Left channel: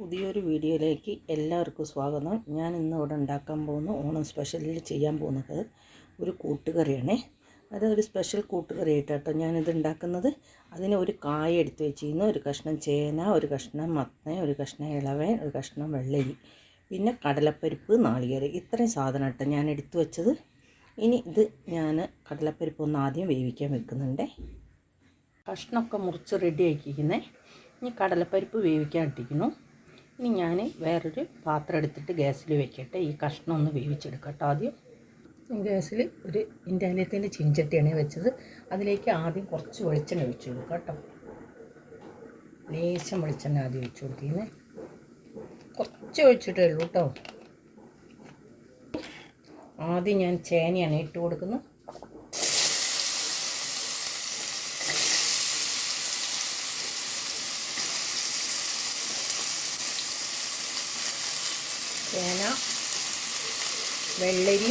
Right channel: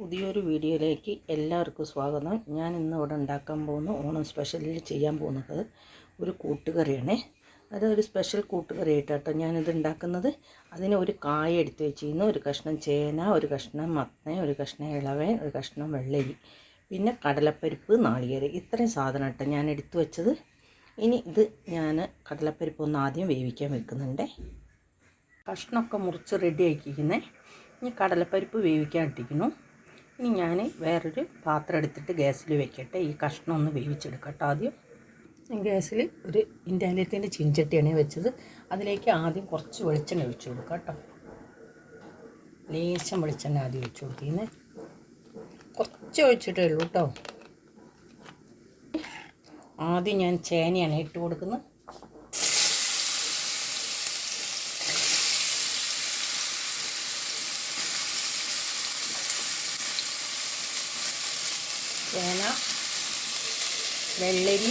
പുതിയൊരു വീഡിയോയിലേക്ക് എല്ലാവർക്കും സ്വാഗതം. ഞാൻ ഇന്ന് ഇവിടെ ഉണ്ടാക്കാൻ പോകുന്ന ഓണം സ്പെഷ്യലിൽ ചെയ്യാൻ പോകുന്നത് ഒരു കൂട്ടുകറിയാണ്. അതൊരു സ്പെഷ്യൽ കൂട്ടുകറി ആയിട്ടോ ഞാനിത് ഉണ്ടാക്കുന്നത്. അതിന് ഒരു കായ എടുത്ത് വെച്ചിരുന്നു, ഒരു കഷ്ണം ചേന, ഒരു കഷ്ണം മത്തൻ, ഒരു കഷ്ണം ഇളവൻ, ഒരു കഷ്ണം വെള്ളരി, പിന്നെ കടലപ്പരിപ്പ്, നാളികേരം. ഇത്രയും സാധനം കേട്ടോ ഞാൻ എടുത്തു വെച്ചത്. ഇനി ഇത് ഞാൻ കടലപ്പരിപ്പ് ഒന്ന് ആദ്യം വേവിക്കാൻ വെക്കുന്നുണ്ട്. കഷ്ണമൊക്കെ മുറിച്ച് റെഡി ആക്കിയിരിക്കുന്നത്. ഇനി കടലപ്പരിപ്പ് വേവിക്കാൻ ഇട്ടിരിക്കുന്നു. ഇനി ഞാൻ വേറൊരു പാത്രം എടുത്തിട്ട് ഗ്യാസിൽ വെക്കട്ടെ. ഈ കഷ്ണം ഒന്ന് വേവിച്ചെടുക്കട്ടെ. ആദ്യം ഗ്യാസിൽ ഒരു ഇൻഡാലിയത്തിൻ്റെ ചീഞ്ചട്ടിയാണ് വെച്ചത്. അതിലേക്ക് ആദ്യം കുറച്ച് വെളിച്ചെണ്ണ ഒഴിച്ച് കൊടുക്കാം കേട്ടോ. ലേശം വെളിച്ചെണ്ണ ആദ്യം ഒഴിച്ച് കൊടുക്കുന്നത്. കുറച്ച് ഒഴിച്ചിട്ടേ ഉള്ളൂ കേട്ടോ. ആദ്യം ഞാൻ ചേനയാണ് ഇട്ട് കൊടുക്കുന്നത്. ചേന, വെള്ളരി,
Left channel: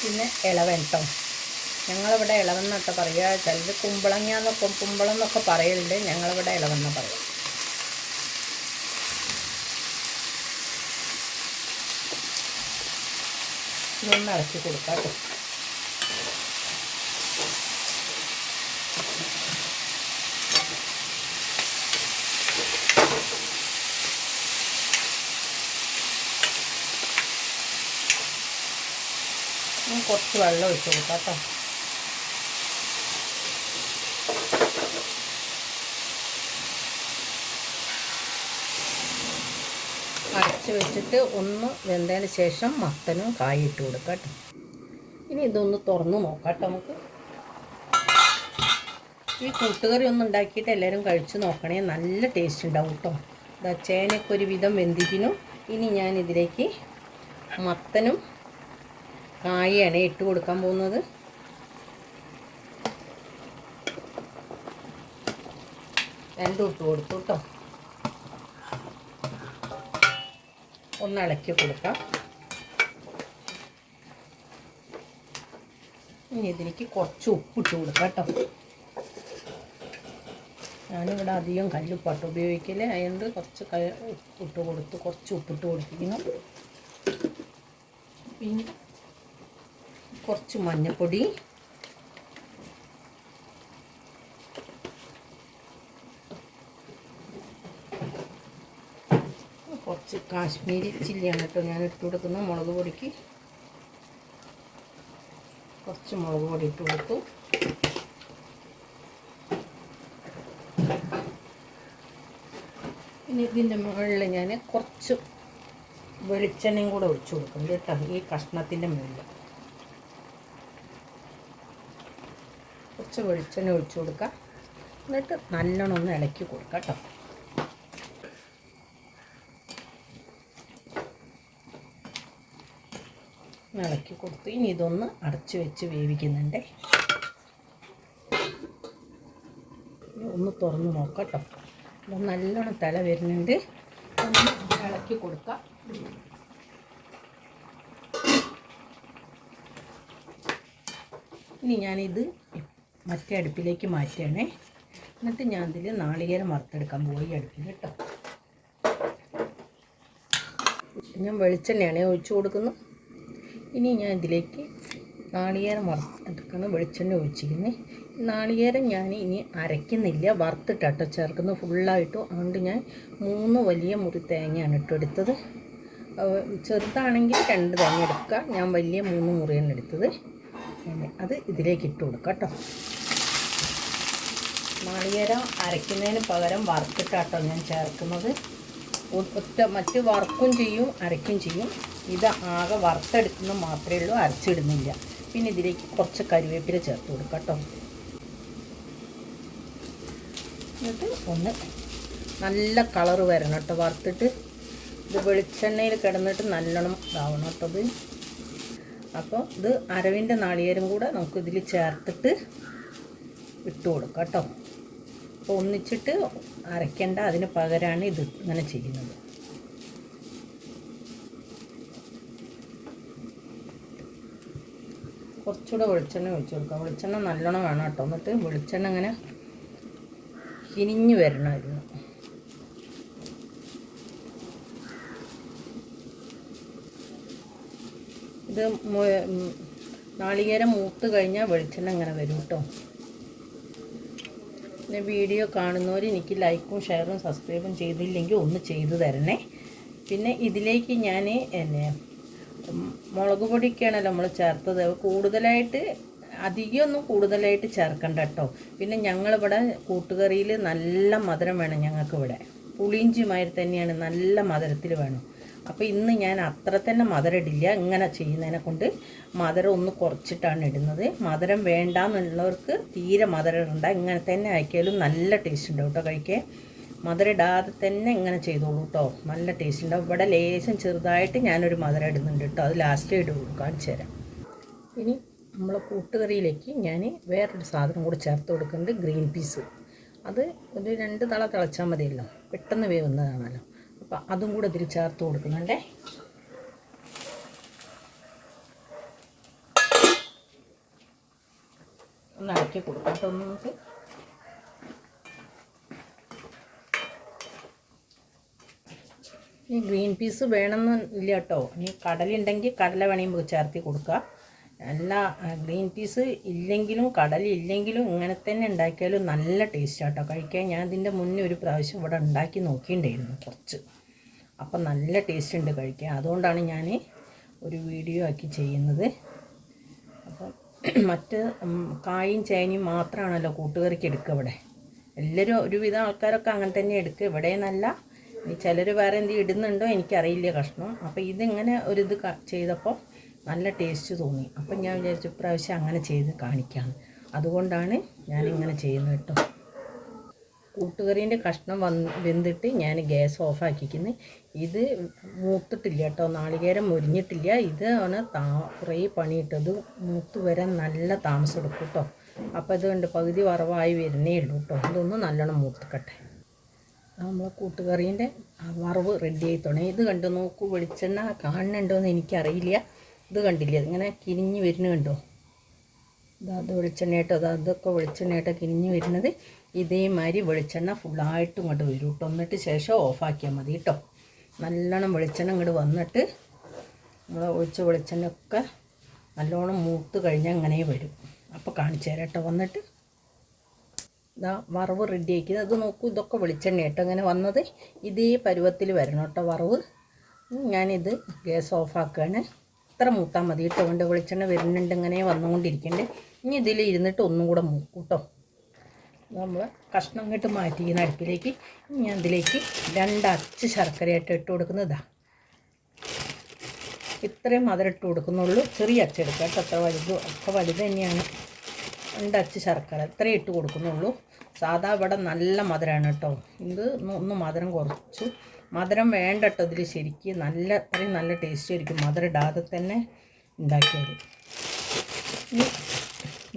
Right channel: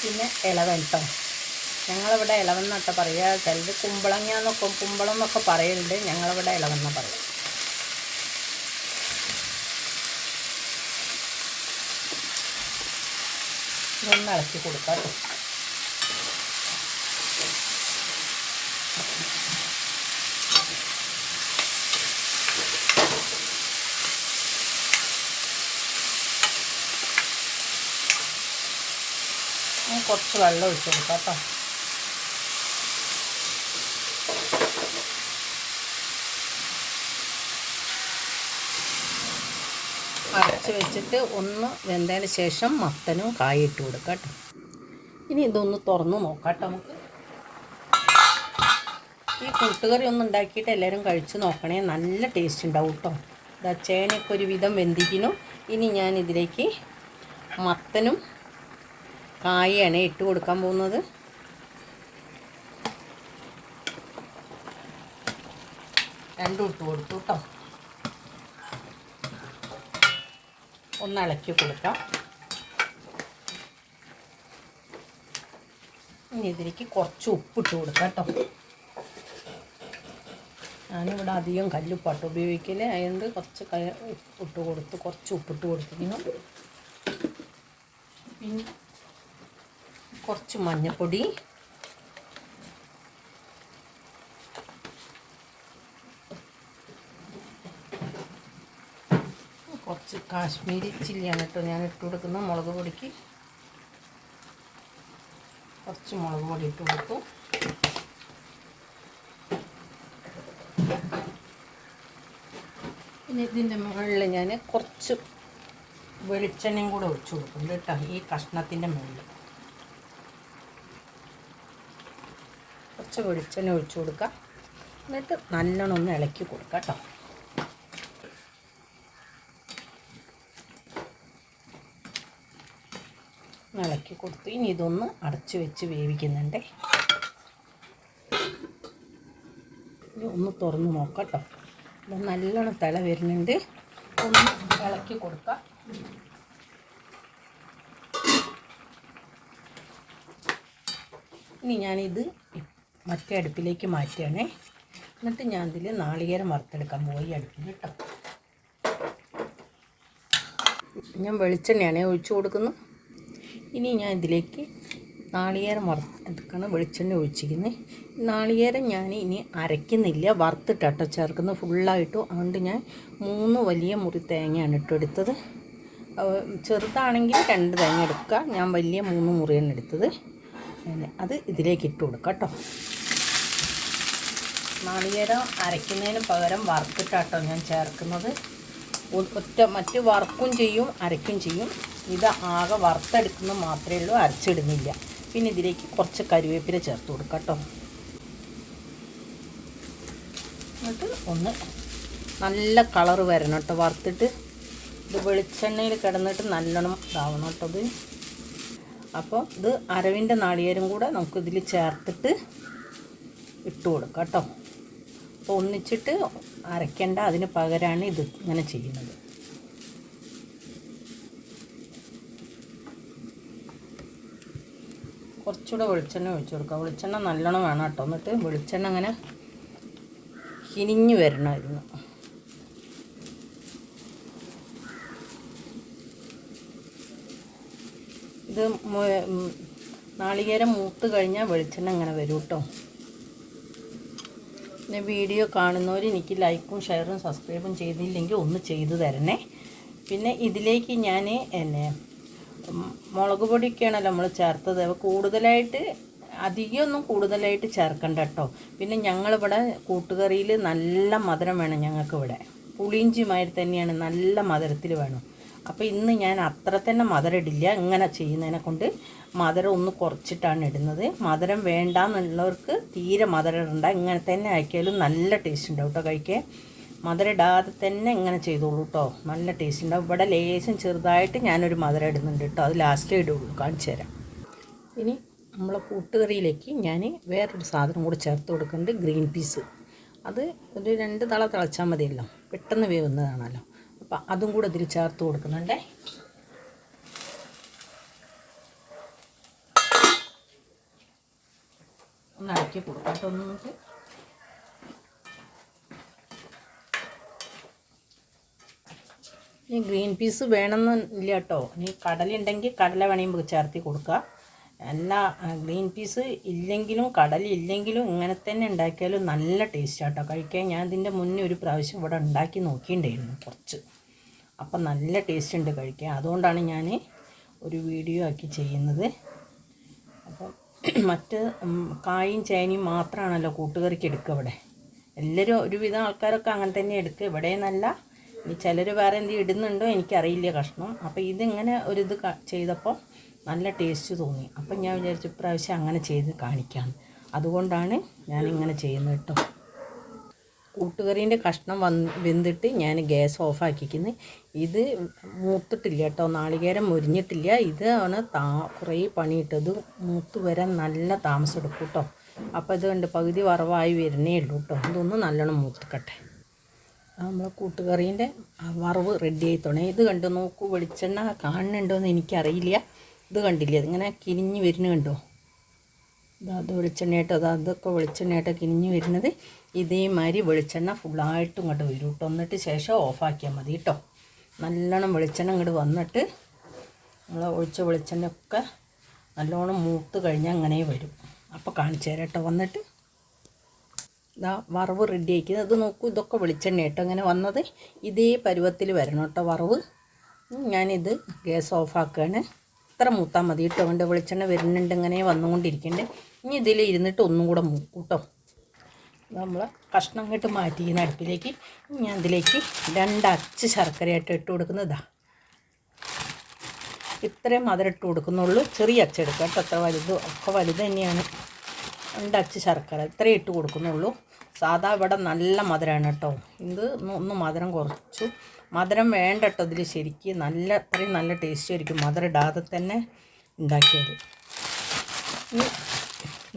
പിന്നെ ഇളവൻ കേട്ടോ. ഞങ്ങളിവിടെ ഇളവെന്നൊക്കെ പറയുക. ചിലത് കുമ്പളം എന്നൊക്കെ പറയുന്നുണ്ട്. ഞങ്ങളിവിടെ ഇളവെന്ന് പറയും. ഇതൊന്ന് ഇളക്കി കൊടുക്കാം കേട്ടോ. കുറച്ച് വെള്ളം ഒഴിച്ച് കൊടുക്കാം കേട്ടോ. അരച്ച് വെച്ചിട്ട് ഒന്ന് വെന്തതിന് ശേഷം മത്തനും കായ ഇട്ട് കൊടുക്കാം കേട്ടോ. ഇനി ഇതൊന്ന് തുറന്ന് നോക്കാം കേട്ടോ. നമുക്ക് ഈ കൂട്ടുകറി ഒന്ന് ഉണ്ടാക്കിയിട്ട് എല്ലാവരും കഴിച്ച് നോക്കണേ. നല്ല ടേസ്റ്റ് ഉണ്ടാവും കേട്ടോ. ചേനയൊക്കെ ഒരുവിധം വെന്തിക്കുന്നു. ഇനി ഞാൻ ഇതിലേക്ക് മത്തനും കായാണ് ഇട്ട് കൊടുക്കാൻ പോകുന്നത്. രണ്ടും ഇട്ട് കൊടുത്തു കേട്ടോ. ഒന്ന് ഇളക്കി കൊടുക്കാം. ഇനി ഇതിലേക്ക് കുറച്ച് ഉപ്പിട്ട് കൊടുക്കാം കേട്ടോ. ഞാനിവിടെ അധികം കല്ലുപ്പാട്ട് ഉപയോഗിക്കില്ല. അതുകൊണ്ട് കുറച്ച് കുറച്ച് ഉപ്പിട്ട് കൊടുത്തിരിക്കുന്നു. പിന്നെ കുറച്ച് മഞ്ഞൾപ്പൊടി, കുറച്ച് കാശ്മീരി ചില്ലിയാണ് കേട്ടോ ഞാൻ ഇട്ട് കൊടുക്കുന്നത്. മുളക് പൊടിക്ക് കുറച്ച് മുളക് പൊടി ഇട്ട് കൊടുത്തു. പിന്നെ ഇതിൻ്റെ മുകളിൽ ഞാൻ കുറച്ച് വെളിച്ചെണ്ണയും കൂടെ ഒഴിച്ചു കൊടുക്കുന്നുണ്ട് കേട്ടോ. ഈ കഷ്ണത്തിൻ്റെ മുകളിൽ കുറച്ച് വെളിച്ചെണ്ണ ഒഴിച്ചു കൊടുക്കാം. എന്നിട്ട് നല്ലോണം ഒന്ന് ഇളക്കി കൊടുക്കാം കേട്ടോ. ഇളക്കി കൊടുത്തു. ഇനി ഇതൊന്ന് അടച്ച് വെച്ച് വേവിക്കുന്നുണ്ട്. ഒന്ന് തുറന്ന് നോക്കാം കേട്ടോ. നല്ലോണം തിള വരുന്നുണ്ട്. ഒന്ന് ഇളക്കി കൊടുക്കാം. ഇനി ഞാനിത് മറ്റേ അടുപ്പിലേക്ക് മാറ്റുകയാണേ. എന്നിട്ട് ഞാൻ ഇതിൽ നാളികേരം വറുത്തെടുക്കാൻ പോയി അടുപ്പിൽ കേട്ടോ. ഞാൻ വെളിച്ചെണ്ണയാണ് ഒഴിച്ചു കൊടുക്കുന്നത്. ഇനി ഞാൻ ഇതിലേക്ക് നാളികേരം വറുത്തെടുക്കണം. വെളിച്ചെണ്ണ ഒഴിച്ചിരിക്കുന്നത്. നാളികേരം ഞാൻ ഇനി അരയ്ക്കുന്നില്ല, വറുത്തിട്ടാട്ടോ ചേർക്കുന്നത് ഫുള്ളായിട്ടും. അതുകൊണ്ട് ഞാൻ 3 വലിയ മുറി തേങ്ങയാണ് ഇട്ടെടുത്തത്. ചെറുതാണെങ്കിൽ 2 തേങ്ങ എടുക്കുക. ഞാൻ വലിയ 3 മുറിയാണ് എടുത്തത്. അത് ഇതിലേക്ക് ഇട്ട് കൊടുക്കാം കേട്ടോ. നാളികേരം അരയ്ക്കുന്നതിന് പകരം വറുത്തിട്ടാട്ടോ ഞാൻ ചേർക്കുന്നത്. മറ്റ് വറുക്കും ചെയ്യും അരയ്ക്കും ചെയ്യും. ഇത് ആകെ വറുത്തെടുക്കുന്നത് മാത്രമേ ഉള്ളൂ, അരച്ചിടുന്നില്ല. പിന്നെ ഇതിലേക്ക് കുറച്ച് കറിവേപ്പില ചേർത്ത് കൊടുക്കാം കേട്ടോ. എന്നിട്ട് ഒന്ന് നല്ല കളറ് വരണം കേട്ടോ. വറുത്തിട്ട് ഇത് വെളിച്ചെണ്ണയിൽ കിടന്നിട്ട് നല്ലോണം ഇതാവണം കേട്ടോ. ഇത് അപ്പോൾ ഇത് അരവിൻ്റെ നാളികേരം കൂടെ നമുക്കിതിൽ ചേർത്തിട്ട് ഇട്ട് കൊടുക്കാം കേട്ടോ. അപ്പോൾ ഒന്നിച്ചിട്ട് അരയ്ക്കേണ്ട, അതിന് പകരമാണ് ഇത് ഇങ്ങനെ ചെയ്യുന്നത്. കുറച്ചുകൂടെ വെളിച്ചെണ്ണ ഒഴിച്ച് കൊടുക്കാം. വെളിച്ചെണ്ണ നല്ലോണം വേണം കേട്ടോ. എന്നിട്ട് വെളിച്ചെണ്ണ അങ്ങനെ കിനിഞ്ഞ് വരണമായിരുന്നു. ഇത് നാളികേരം മൂത്ത് കഴിഞ്ഞാൽ വെളിച്ചെണ്ണ ഇങ്ങനെ വരും കേട്ടോ. പിന്നെ വീഡിയോ കാണുന്നവർ എനിക്ക് ലൈക്കും ഷെയറും സബ്സ്ക്രൈബും ചെയ്തില്ലെങ്കിൽ ഒന്ന് ചെയ്തു തരണേ. പിന്നെ ഇതിലേക്ക് ഞാൻ മുളക് പൊടിയൊക്കെയാണല്ലോ നമ്മൾ ചേർത്തത്. കൂടുതലായിട്ട് അധികമൊന്നും കൂടുതലായിട്ട് ചേർക്കണ്ട കേട്ടോ. പിന്നെ ഞങ്ങളിവിടെ കൂട്ടുകറിയിൽ നല്ല മധുരം വേണം. ഞങ്ങൾക്കിവിടെ പുളിയിഞ്ചിമാതിരി തന്നെയാണ്, നല്ല മധുരത്തിൽ വേണം. അപ്പോൾ ഇന്ന് ഞാൻ അത്ര തന്നെ മധുരം ഇടില്ല. ഇങ്ങനെ ചെയ്യുന്നതിനെ കൊണ്ട് മധുരം ഒന്ന് കുറച്ചിട്ടാണ് ഇടുന്നത്. മധുരം വേണ്ടാന്നുള്ളവർക്ക് തീരെ മധുരം ഇടണ്ട. ഇങ്ങനെ തന്നെ ആക്കിയാലും നല്ല ടേസ്റ്റ് ഉണ്ടാവും കേട്ടോ കഴിക്കാൻ. മധുരം ഇടാതെ തന്നെ ഇങ്ങനെ ചെയ്തോളൂ കേട്ടോ, നല്ല ടേസ്റ്റ് ഉണ്ടാവും. ഇവിടെ ലേശം ചെറുതായിട്ട് ഞാനൊരു മധുരം ഇടുന്നുണ്ട് കേട്ടോ, അത് ലാസ്റ്റേ ഇടുള്ളൂ, കാണിച്ചു തരാം. ഇനി നമ്മളെ കൂട്ടുകറിയിലേക്ക് ഞാൻ വേറൊരു സാധനം കൂടി ചേർത്ത് കൊടുക്കുന്നുണ്ട്, ഗ്രീൻ പീസ്. അത് ഒരു 2 തള തിളച്ചാൽ മതിയല്ലോ, പെട്ടെന്ന് വേവുന്നതാണല്ലോ. അപ്പം അതും കൂടെ ഇതിൽ ചേർത്ത് കൊടുക്കുന്നുണ്ടേ. ഒന്ന് ഇളക്കി കൊടുക്കാം കേട്ടോ. നമുക്ക് ഈ ഗ്രീൻ പീസ് വേണമെന്നില്ല കേട്ടോ. ഇനി കടലുണ്ടെങ്കിൽ കടല വേണമെങ്കിൽ ചേർത്തി കൊടുക്കുക. അല്ല ഗ്രീൻ പീസ് ഇല്ലെങ്കിലും കടലില്ലെങ്കിലും ഇങ്ങനെ തന്നെ ഉണ്ടാക്കിയാലും നല്ല ടേസ്റ്റാണ് കേട്ടോ കഴിക്കാൻ. ഞാൻ ഇതിൻ്റെ മുന്നേ ഒരു പ്രാവശ്യം ഇവിടെ ഉണ്ടാക്കി നോക്കിയിട്ടുണ്ടായിരുന്നു കുറച്ച്. അപ്പം നല്ല ടേസ്റ്റ് ഉണ്ട് കഴിക്കാൻ. അതുകൊണ്ടാണ് ഞാൻ ഒരു വീഡിയോ ആക്കി ചെയ്യുന്നത്. അപ്പം മറ്റ് കായും ചേനയും മാത്രമാണല്ലോ കൂട്ടുകറിക്ക് എടുക്കുക ഇവിടെ. എല്ലാവരും ഒരുവിധം ആൾക്കാരൊക്കെ അങ്ങനെ തന്നെ എടുക്കുക. ഇവിടെ നല്ല ഇനി ചിലർ വേറെ എന്തെങ്കിലും ഇടുന്നുണ്ടോ എനിക്കറിയില്ല കഷ്ണം. അപ്പോൾ ഇതിങ്ങനെ ഒരിത് ചെയ്തപ്പോൾ നല്ല ടേസ്റ്റ് തോന്നി. അപ്പം ഞാൻ വിചാരിച്ചു ഇപ്രാവശ്യം അങ്ങനെ ചെയ്ത് കാണിക്കാം. അതുകൊണ്ടാണ് ഞാനിങ്ങനെ ചെയ്യുന്നത് കേട്ടോ. കൂട്ടുകറീൻ്റെ കഷ്ണം വെന്തിട്ട് ഞാൻ ഗ്യാസ് ഓഫാക്കിക്കുന്നത്. ഇത് മൂത്തിട്ടില്ല കേട്ടോ, നാളികേരം മുരിഞ്ഞിട്ടില്ല. ഇത് ആണ് കുറേ പണിയിട്ടത് മൂത്ത് വരാൻ നല്ല താമസം എടുക്കും കേട്ടോ. അപ്പോൾ ഇത് കണ്ട് പകുതി വറവായി വരുന്നേ ഉള്ളൂ കേട്ടോ. ഇതൊന്ന് നല്ലോണം മൂത്തിക്കട്ടെ. നമ്മൾ കൂട്ടുകറീൻ്റെ വറവ് റെഡി ആയി തുടങ്ങി. ഇത് കണ്ടു നോക്കൂ, വെളിച്ചെണ്ണ കാണുന്നുണ്ടോയെന്ന് എനിക്കറിയില്ല. ഇത് കണ്ടില്ലേ, ഇതിങ്ങനെ കിനിഞ്ഞ് വരുന്നു കണ്ടോ. അത് വെളിച്ചെണ്ണയായിട്ടോ, അതൊക്കെ വെളിച്ചെണ്ണയായിട്ടോ കിനിഞ്ഞ് വരുന്നത്. ഇതേമാതിരി വെളിച്ചെണ്ണ ഫുള്ളായിട്ട് ഇങ്ങോട്ട് വരും കേട്ടോ. എന്നിട്ട് ശേഷം ഓഫാക്കിയാൽ മതി കേട്ടോ. നല്ലോണം വെളിച്ചെണ്ണ ഇങ്ങോട്ട് വന്നിട്ട് നമ്മൾ ഒഴിച്ച വെളിച്ചെണ്ണയൊക്കെ നല്ലോണം മൂത്ത് കഴിഞ്ഞാൽ അങ്ങനെ വരും. അപ്പോൾ കാണിച്ചു തരാം കേട്ടോ. വന്നിട്ട് ഇതാ വറവ് റെഡി ആക്കിയത്. അത് നോക്കൂ, ഇതൊക്കെ വെളിച്ചെണ്ണ കേട്ടോ ഇങ്ങനെ വന്നത്. ഇതേ പരുവത്തിൽ വരണം കേട്ടോ വറവ്. ഞാനിത് ഗ്യാസ് ഓഫാക്കുകയാണ്. ഇത്ര മൂത്താൽ മതി കേട്ടോ. കൊണ്ട് വെളിച്ചെണ്ണ വരുന്നുണ്ട്, ഇങ്ങനെ വന്നുകൊണ്ടിരിക്കണ്ടേ. ഇനി ഇതിൽ ഇരുന്നിട്ട് ഒന്നും കൂടെ മൂക്കും കേട്ടോ. നമ്മൾ കഷ്ണം അങ്ങോട്ട് മാറ്റി ഈ അടുപ്പിലേക്ക് ഞാൻ ഇതിലേക്ക് 2 അച്ച് ശർക്കരയായിട്ട് ഇട്ട് കൊടുക്കുന്നതാ. ഇത്രയും മധുരം ഇട്ട് കൊടുക്കുന്നുള്ളൂ. ചെറിയ അച്ച് എടുക്കാം കേട്ടോ. അത്ര വലുത് ഒക്കെ വലുത് തന്നെയാണ്. 2 അച്ച് ശർക്കര ഇത്രയും ഇട്ട് കൊടുക്കുന്നുള്ളൂ. സാധാ ഇവിടെ നല്ല മധുരമാണ് കേട്ടോ. ഇത് ഒന്ന് മധുരം കുറച്ചു. മധുരം വേണ്ട കേട്ടോ ഇതിൽ. ശരിക്കും നല്ല അത്രയും നല്ല ടേസ്റ്റ് ആയിരിക്കും മധുരം ഇടാതെ തന്നെ ഉണ്ടാക്കിയത്.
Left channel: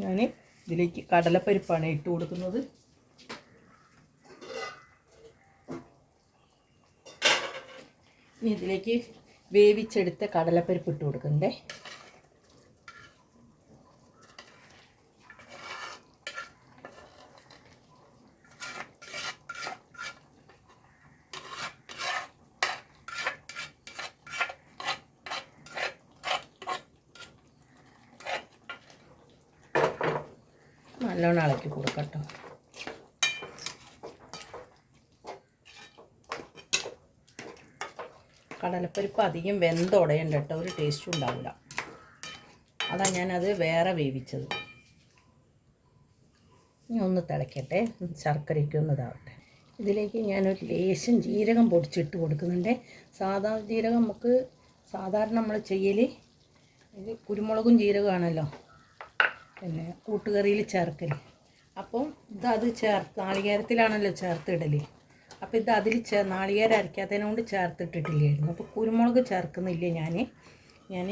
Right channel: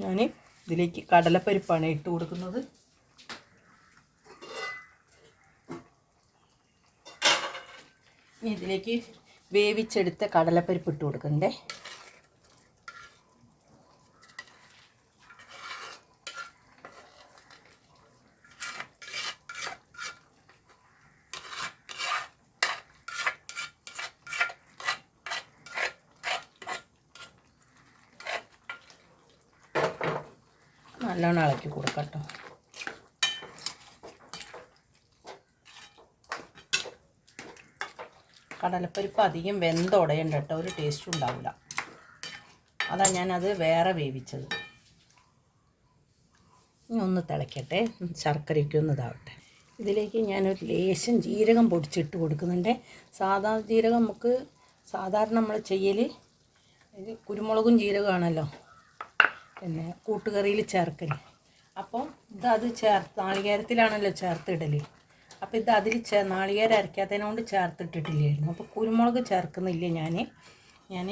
ഞാൻ ഇതിലേക്ക് കടലപ്പരിപ്പാണ് ഇട്ട് കൊടുക്കുന്നത്. ഇതിലേക്ക് വേവിച്ചെടുത്ത കടലപ്പരിപ്പ് ഇട്ട് കൊടുക്കണ്ടേ. നല്ലോണം ഇളക്കി കൊടുക്കട്ടോ. കടലപ്പരിപ്പ് അധികം വെന്തുടയണ്ട കേട്ടോ, ഒരു ടേസ്റ്റും ഉണ്ടാവില്ല. അതാണ് ഞാനത് വേറെ വേവിച്ചത്. ഇനി ഒന്ന് തിളയ്ക്കട്ടെ, ശർക്കരയ്ക്ക് ഒന്ന് ഇതാവട്ടെ. ഇതിലേക്ക് ഞാനൊരു ലേശം ജീരകം പൊടിച്ചിട്ട് കൊടുക്കുന്നുണ്ട്. സാധാ ജീരകം നമുക്ക് സാധാരണ നമ്മൾ ചെയ്യൽ കുരുമുളകും ജീരകമാണല്ലോ പിന്നെ കൂട്ടുകറിയിൽ ചേർക്കൽ. അപ്പോൾ ഇതത് നാളികേരത്തിലാണല്ലോ ചേർത്തിടൽ. അപ്പോൾ ഇത് അതിൽ നാളികേരം അരയ്ക്കാത്തതിനെ കൊണ്ട് ചേർത്തിട്ടിട്ടില്ലായിരുന്നു. അപ്പോൾ കുരുമുളക് ചേർക്കുന്നില്ല ഞാൻ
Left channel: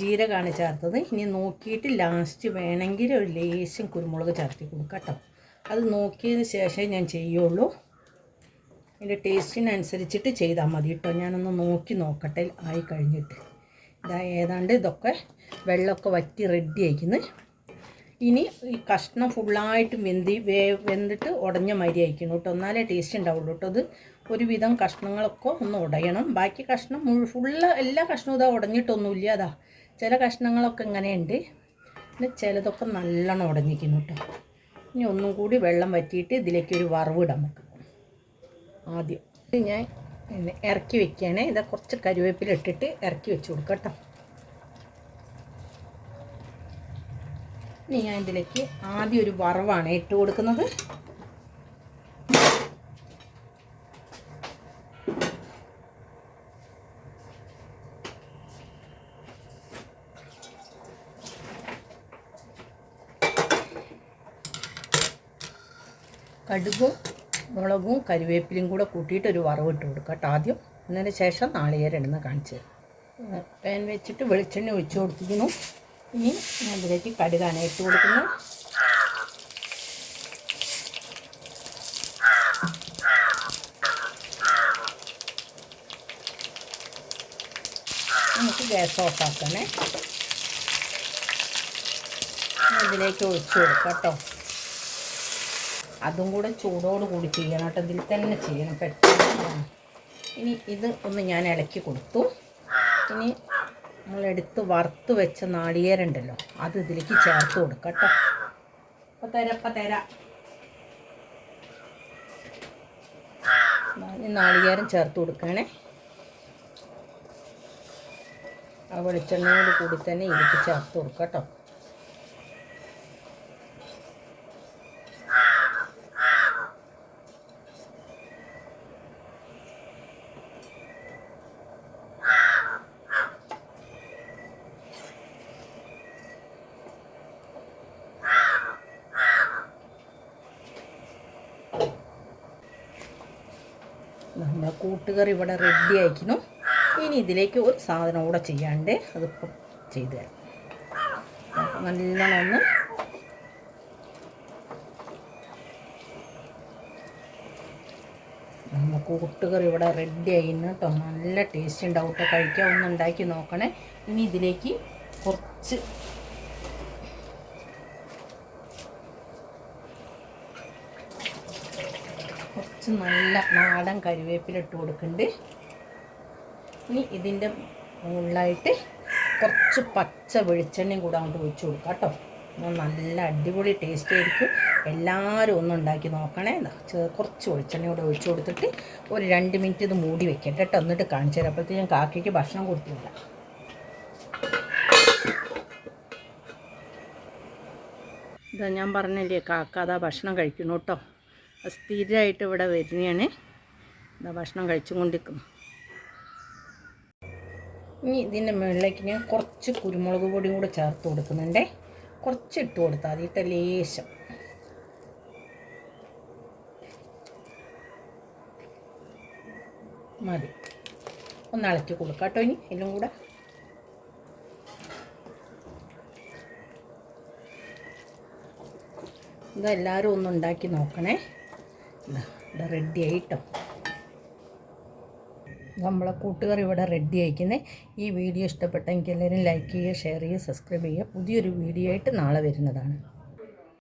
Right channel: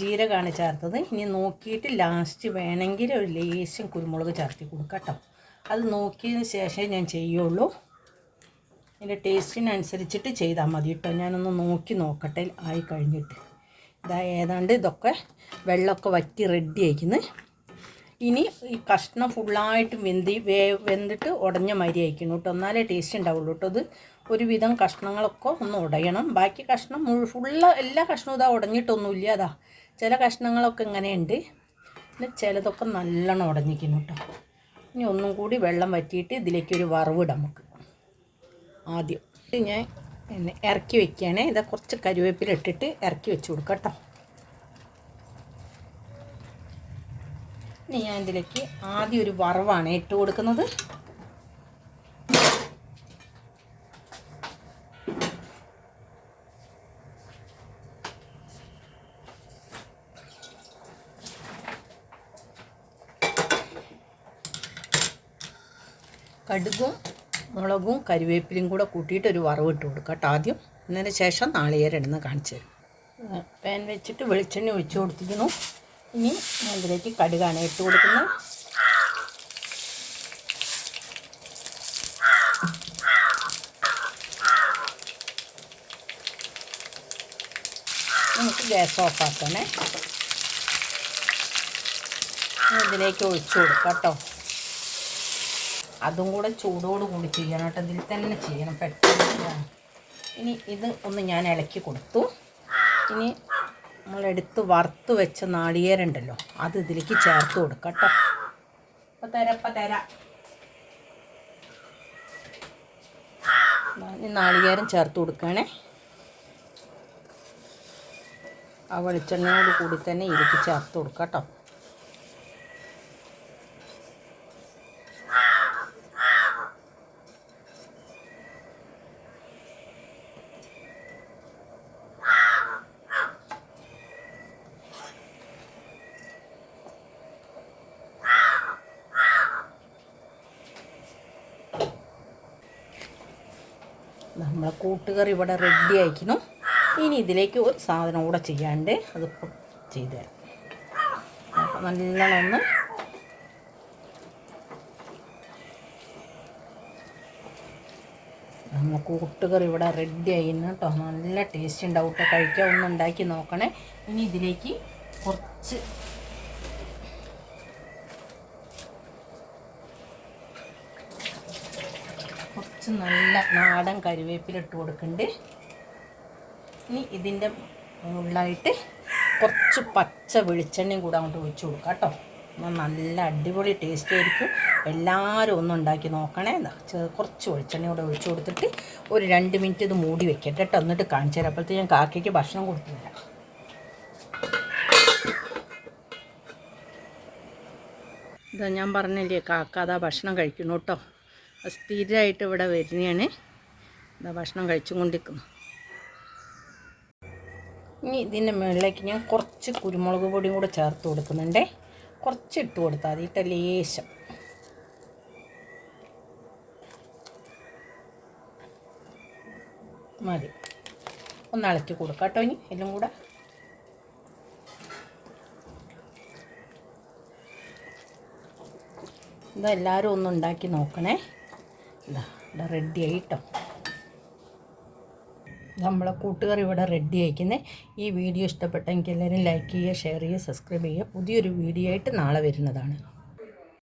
ജീരകമാണ് ചേർത്തത്. ഇനി നോക്കിയിട്ട് ലാസ്റ്റ് വേണമെങ്കിൽ ഒരു ലേശം കുരുമുളക് ചേർത്തി കൊടുക്കാം കേട്ടോ. അത് നോക്കിയതിന് ശേഷമേ ഞാൻ ചെയ്യുള്ളൂ. അതിൻ്റെ ടേസ്റ്റിനനുസരിച്ചിട്ട് ചെയ്താൽ മതി കേട്ടോ. ഞാനൊന്ന് നോക്കി നോക്കട്ടെ ആയി കഴിഞ്ഞിട്ട്. ഏതാണ്ട് ഇതൊക്കെ വെള്ളമൊക്കെ വറ്റി റെഡി ആയിക്കുന്നു. ഇനി ഈ കഷ്ണം ഫുള്ളായിട്ട് വെന്തിട്ട് ഉടഞ്ഞ മാതിരി അയക്കുന്നു കേട്ടോ, എന്നാലേ ടേസ്റ്റ് ഉണ്ടാവുള്ളൂ കേട്ടോ. ഇത് ഒരുവിധം കഷ്ണങ്ങളൊക്കെ ഒന്ന് ഉടയണം. ബാക്കി കഷ്ണം എല്ലാ കഷ്ണവും ഇതാ ഉടഞ്ഞിട്ടൊന്നുമില്ല. അതാ ചില കഷ്ണങ്ങളൊക്കെ ഇങ്ങനെയുണ്ട്, പിന്നെ ചിലതൊക്കെ നല്ലോണം ഉടഞ്ഞിരിക്കുന്നു കേട്ടോ. ഇനി ഒന്നും കൂടി വെള്ളം വറ്റിയിട്ട് ഇതിലേക്കൊരു വറവിടാം നമുക്ക്. ആദ്യം ഞാൻ ഇറക്കി വെക്കുകയാണേ. ഇതാ കുറച്ച് കറിവേപ്പില ഇട്ടിട്ട് ഇറക്കി വെച്ച് കൊടുക്കാം കേട്ടോ. ഇനി ഞാൻ ഇതിലേക്ക് ആദ്യം ഒരു വറവാണ് ഇട്ട് കൊടുക്കുന്നത്. കടുകും മുളകും കരിവേപ്പിലയും കൂടെ കൂട്ടിയിട്ട് ഒരു വറവിട്ട് കൊടുക്കുക കേട്ടോ ആദ്യം. അതിന് ശേഷം നാളികേരം ഇടുന്ന കാണിച്ചു തരാം. പാൻ വെച്ചിട്ട് വെളിച്ചെണ്ണ ഒഴിച്ച് കൊടുത്തിരുന്നു. ഇനി ഞാൻ ഇതിലേക്ക് കടുകാണ് ഇട്ട് കൊടുക്കുന്നത്. നമുക്ക് ഗ്യാസ് ഓഫാക്കണേ. ഇതിലേക്ക് ഒഴിച്ച് കൊടുക്കാം കേട്ടോ. അതും കൂടെ ചൂടോട് കൂടി ചെയ്യണം കേട്ടോ, ഇതിൽ തന്നെ ചെയ്യണം പെട്ടെന്ന്. ഇനി ഇത് ഒന്ന് ഞാൻ ഇളക്കി കൊടുത്തു. ഇനി നമ്മളെടുത്ത് വറുത്ത് വെച്ച നാളികേരം ഉണ്ടല്ലോ, അത് ഇതിലേക്ക് ചേർത്ത് കൊടുക്കാം കേട്ടോ. അപ്പം തരാം. ഈ നാളികേരം ചേർത്ത് കൊടുക്കുകയാണേ. ആ വെളിച്ചെണ്ണയോട് കൂടി തന്നെ ഇതിലേക്ക് ചേർത്ത് കൊടുക്കാം കേട്ടോ. നമ്മളെ കൂട്ടുകറി ഇവിടെ റെഡി ആയിരിക്കുന്നു. ഇനി ഇതിലേക്ക് ഒരു സാധനം കൂടെ ചെയ്യാണ്ട് അതിപ്പോൾ ചെയ്തു തരാം. നല്ലോണം നമ്മൾ കൂട്ടുകറി ഇവിടെ റെഡി ആയിരുന്നു കേട്ടോ. നല്ല ടേസ്റ്റ് ഉണ്ടാവും കേട്ടോ, കഴിക്കാൻ ഒന്ന് ഉണ്ടാക്കി നോക്കണേ. ഇനി ഇതിലേക്ക് കുറച്ച് നല്ല നാടൻ കരിവേപ്പില ഇട്ട് കൊടുക്കുന്നുണ്ട്. ഇനി ഇതിൻ്റെ മുകളിലായിട്ട് കുറച്ച് പച്ച വെളിച്ചെണ്ണയും കൂടെ അങ്ങോട്ട് ഒഴിച്ച് കൊടുക്കാം കേട്ടോ. നല്ല അടിപൊളി ടേസ്റ്റ് ആയിരിക്കും. എല്ലാവരും ഒന്നും ഉണ്ടാക്കി നോക്കണേ. കുറച്ച് വെളിച്ചെണ്ണ കൂടെ ഒഴിച്ച് കൊടുത്തിട്ട് ഒരു 2 മിനിറ്റ് ഇത് മൂടി വെക്കട്ടെ കേട്ടോ. എന്നിട്ട് കാണിച്ചു തരാം. അപ്പോഴത്തേക്ക് ഞാൻ കാക്കയ്ക്ക് ഭക്ഷണം കൊടുത്തു തരാം. ഇതാ ഞാൻ പറഞ്ഞില്ലേ, കാക്ക അതാ ഭക്ഷണം കഴിക്കുന്നു കേട്ടോ. സ്ഥിരമായിട്ട് ഇവിടെ വരുന്നതാണ്. ഇതാ ഭക്ഷണം കഴിച്ചും കൊണ്ടിരിക്കുന്നു. ഇനി ഇതിൻ്റെ മുകളിലേക്ക് ഞാൻ കുറച്ച് കുരുമുളക് പൊടിയും കൂടെ ചേർത്ത് കൊടുക്കുന്നുണ്ട്. കുറച്ച് ഇട്ട് കൊടുത്താൽ മതി കേട്ടോ, ലേശം. മതി. ഒന്ന് ഇളക്കി കൊടുക്കാം കേട്ടോ. ഇനി എല്ലാം കൂടെ ഇതെല്ലാവരും ഒന്ന് ഉണ്ടാക്കി നോക്കണേ. ഇവിടെ റെഡി ആയിട്ടോ. നമ്മളെ കൂട്ടുകാർ ഇവിടെ റെഡി ആയിക്കുന്നത്. ഈ വീഡിയോ ഇഷ്ടപ്പെട്ടെങ്കിൽ എല്ലാവരും ലൈക്ക് ചെയ്യുക, ഷെയർ ചെയ്യുക, സബ്സ്ക്രൈബ് ചെയ്യുക. പുതിയൊരു വീഡിയോ ആയിട്ട് നാളെ വരുന്നതാണ്.